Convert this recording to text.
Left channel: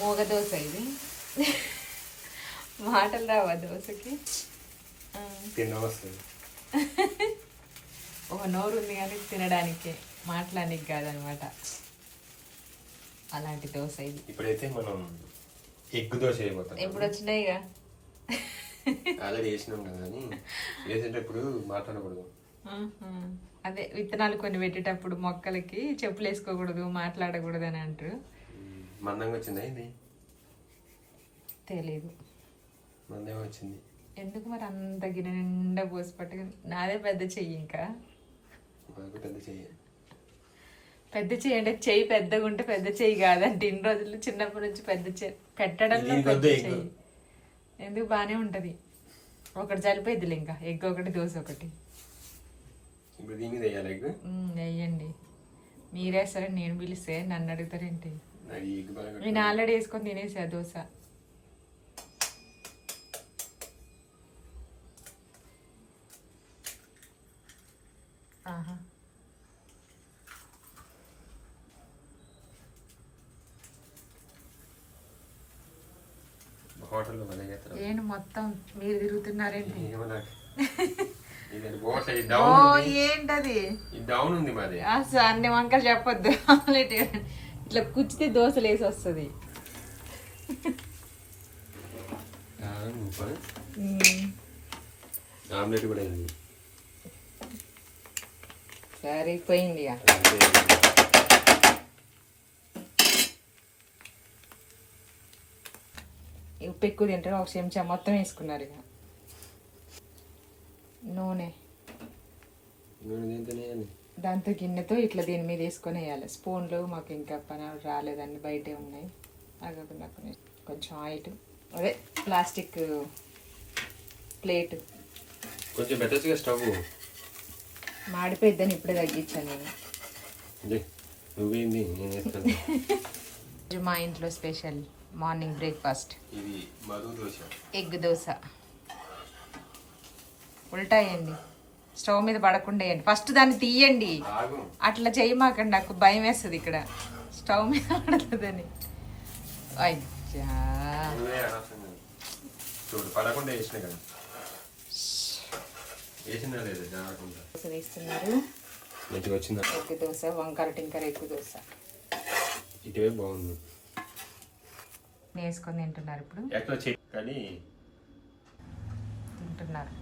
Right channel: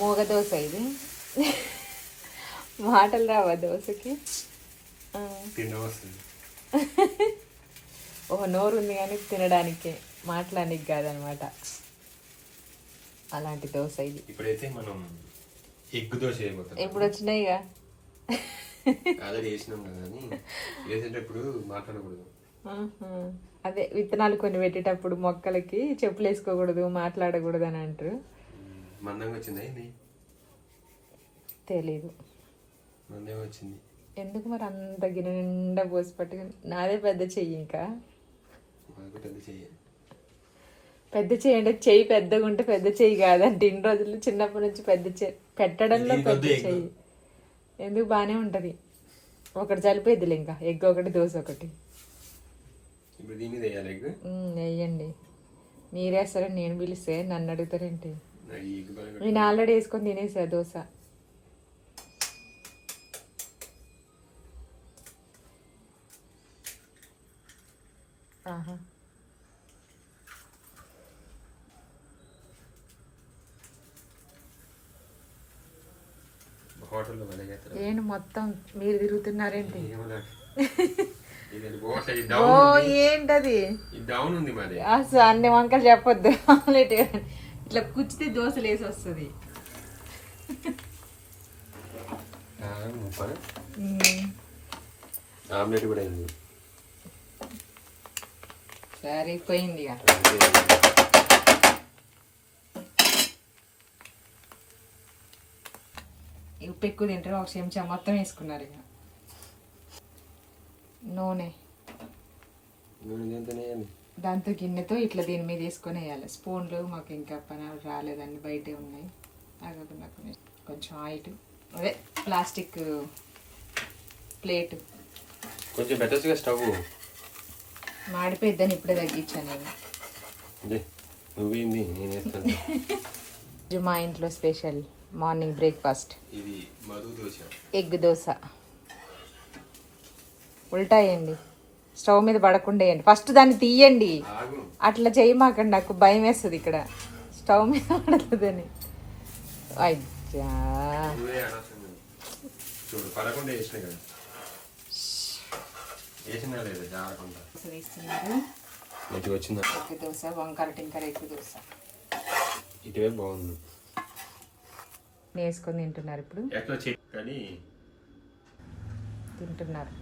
మోగ దోశ ఇది. మాటలు రావా దోశకి? ఓ నోరు ఉంది కానీ తినడానికి, మాట్లాడడానికి కాదనమాట. అలాంటి దోశ ఇది. ఇప్పుడైతే మనం ఎగ్ దోశ అయిపోతాం. ఎప్పుడు వచ్చినాయిగా ఆల్రెడీ వేసినాం కదా అని వేసేటప్పుడు మాట్లాడకూడదు. అదే విత్తనాలు కొన్ని పెట్టేటప్పుడు మొక్కలకి చెప్పులు వేసుకోకూడదు, మాట్లాడకూడదు అని అంటారు. మందంగా వచ్చిందా ఇది? తెలీదు. మందంగా వచ్చింది. ఎందుకు మరి అంత గిన్నె నిండా పోసి పట్టుకుని? నాదే పెద్ద చెయ్యి. ఇంకా పెద్ద చెయ్యి. పెద్ద చెయ్యి అంటే చెయ్యి పెద్దగా ఉంటే పెద్ద చెయ్యి కాదంటే ఇన్ని రోజులు చిన్నప్పటి నుంచి పెద్ద చెయ్యి పెట్టడంలో పెద్ద చెయ్యి. ఎందుకు బానే ఉంటది. ఒకటి సరిపోయిద్దిలే. ఇంకా ఎగ్ ఒకటి, దోశ ఒకటి. ఇప్పుడు దీని మీద వేయాలి ఎగ్. వేయండి. మీరేస్తారని నేను పిలిస్తే నన్ను అడుగుతారేంటి? నేను ఆల్రెడీ వేసుకొని తినేసా దోశ. ఏంటి మొత్తం మీరు తిరుగుతున్నారేంటి? ఏంటది అసలు అన్ని వంకలు చెప్పొద్దు. ఆమ్లెట్ ఇట్లా కుచ్చితే దోశలు వేసి వస్తుంది. ఆమ్లెట్ కూడా అయింది. సరిపోయింది. ఉప్పు ఎక్కువ తింటారు. ఒక చెంచా మొత్తం వేసుకున్నారు. ఇక నూనె దాంతో గిన్నెతో ఇట్లా దీని మీద వేసుకొని వేయాలి. స్పూన్లు మాకు ఇంకా పని రాలేదండి, బయటే ఉన్నాయి. కాకుండా కొంచెం ఆయిల్, అదే ప్లాస్టిక్ ప్లేట్ కొంచెం పెట్టచ్చుగా. స్టవ్ మాడిపోయిద్దని ఇప్పుడే తగ్గించాను నేను. మా ఇంట్లో special morning breakfast egg dosa. ఉల్టా వేయండి, స్టవ్ మీద పడకుండా వేయండి. ఫస్ట్ దాన్ని తీయండి. అట్లా చేయమాకండి, నాకు భయం వేస్తుంది ఇక్కడ స్టవ్ మీద పడుతుందని. ఎగ్ దోశ, వంకాయ టింకర ఎగ్ దోశ. ఇటువే బాగుంది. వేసుకొని తింటున్నారు. ఇప్పుడు తింటున్నారు.